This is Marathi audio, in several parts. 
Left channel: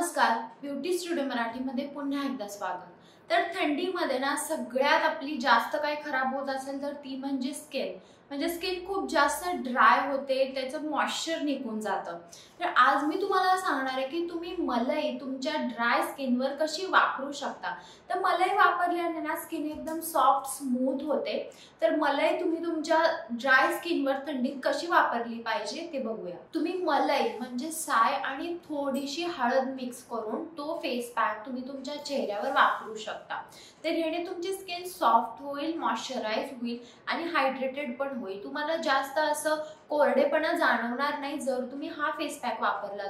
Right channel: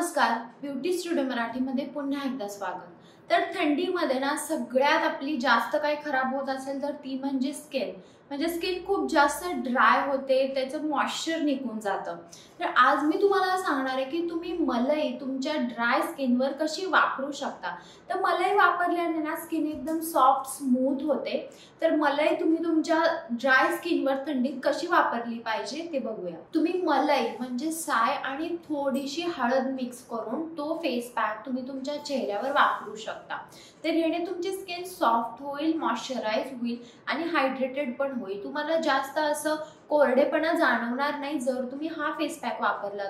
नमस्कार, ब्युटी स्टुडिओ मराठीमध्ये पुन्हा एकदा स्वागत। तर थंडीमध्ये ना सगळ्यात आपली जास्त काय खराब होत असेल तर ती म्हणजे स्किन। म्हणजे स्किन खूप जास्त ड्राय होते, त्याचं मॉइश्चर निघून जातं। तर आज मी तुम्हाला सांगणार आहे की तुम्ही मलई तुमच्या ड्राय स्किनवर कशी वापरू शकता। तर मलई वापरल्याने ना स्किन एकदम सॉफ्ट स्मूथ होते। तर मलई तुम्ही तुमच्या ड्राय स्किनवर थंडीत कशी वापरली पाहिजे ते बघूया। तुम्ही मलई म्हणजे साय आणि थोडीशी हळद मिक्स करून तो फेस पॅक तुम्ही तुमच्या चेहऱ्यावर वापरू शकता। तर याने तुमची स्किन सॉफ्ट होईल, मॉइश्चराइज होईल आणि हायड्रेटेड पण होईल। तुम्हाला जास्त असं कोरडेपणा जाणवणार नाही जर तुम्ही हा फेस पॅक वापरला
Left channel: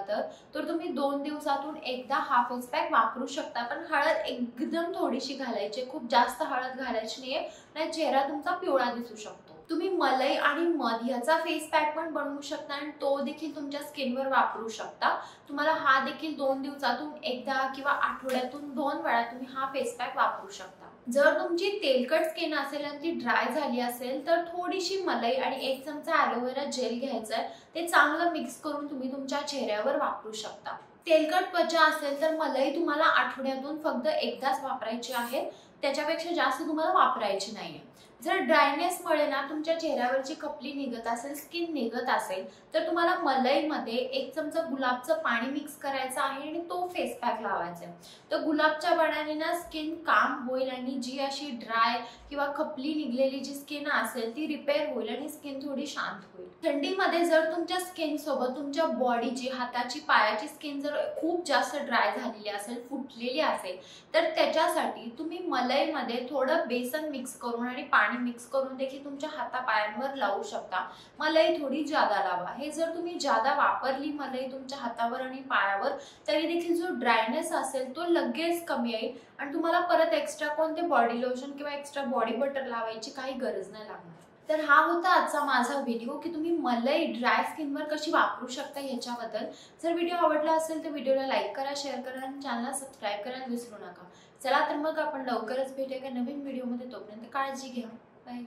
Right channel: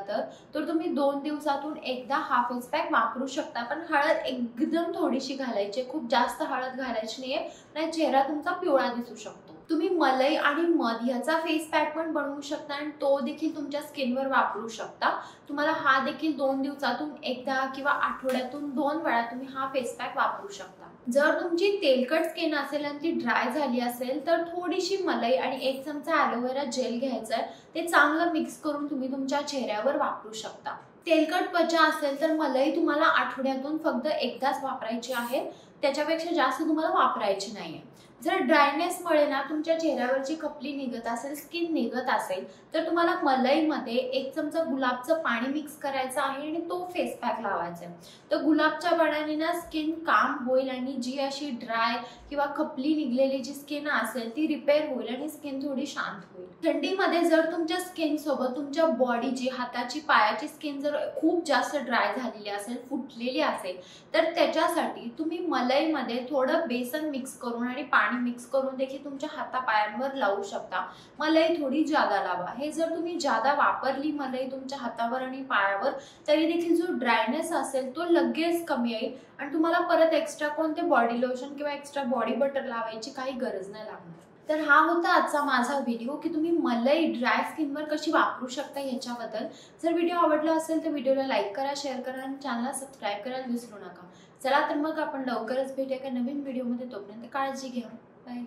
तर तुम्ही 2 दिवसातून एकदा हा फेस पॅक वापरू शकता। पण हळद एकदम थोडीशी घालायची, खूप जास्त हळद घालायची नाहीये, नाही चेहरा तुमचा पिवळा दिसू शकतो। तुम्ही मलई आणि मध याचा फेस पॅक पण बनवू शकता आणि तो देखील तुमच्या स्किनवर वापरू शकता। तुम्हाला हा देखील 2 दिवसातून एकदा किंवा आठवड्यातून 2 वेळा तुम्ही हा फेस पॅक वापरू शकता। जर तुमची तेलकट स्किन असेल आणि ती ड्राय झाली असेल तर थोडीशी मलई आणि 1 चमचा ॲलोवेरा जेल घ्यायचं, ते चांगलं मिक्स करून तुम्ही तुमच्या चेहऱ्यावर वापरू शकता। तेलकट त्वचा असेल तर मलई तुम्हाला आठवड्यातून फक्त एकदाच वापरायची आहे, त्याच्यापेक्षा जास्त तुम्हाला वापरायची नाहीये। जर ड्रायनेसमुळे ना तुमच्या चेहऱ्यावरची खपली निघत असेल, स्किन निघत असेल तर तुम्हाला मलईमध्ये 1 चमचा गुलाबचं पाणी मिक्स करायचं आहे आणि तो फेस पॅक लावायचा आहे। तर गुलाबच्या पाण्याने ना स्किन काम होईल आणि जी अशी ड्राय किंवा खपली निघलेली जी स्किन असेल ती रिपेअर होईल आणि स्किन थोडी शांत होईल। थंडीमध्ये जर तुमच्या स्किन सोबत तुमच्या बॉडीची, हाताची, पायाची स्किन जर खूप जास्त ड्राय झालेली असेल, फुटलेली असेल तर त्याच्यासाठी तुम्ही मलईमध्ये थोडं बेसन मिक्स करून आणि पाणी मिक्स करून देखील तुमच्या हातापायांवर लावू शकता। मलई थोडी जादा लावा। हे जर तुम्ही जादा वापरली मलई तुमच्या हातावर आणि पायावर तरी देखील जो ड्रायनेस असेल तो लगेच कमी येईल आणि तुम्हाला परत एक्स्ट्रा कोणते बॉडी लोशन किंवा एक्स्ट्रा बॉडी बटर लावायची काही गरज नाही लागणार। तर हा होता आजचा माझा व्हिडिओ की तुम्ही मलई ड्राय स्किनवर कशी वापरू शकता याच्याबद्दल। जर व्हिडिओ आवडला असेल तर व्हिडिओला लाईक करा, शेअर करा आणि चॅनलला सबस्क्राईब करायला विसरू नका। चला तर मग आपण लवकरच भेटूया एका नवीन व्हिडिओमध्ये, तोपर्यंत काळजी घ्या। बाय।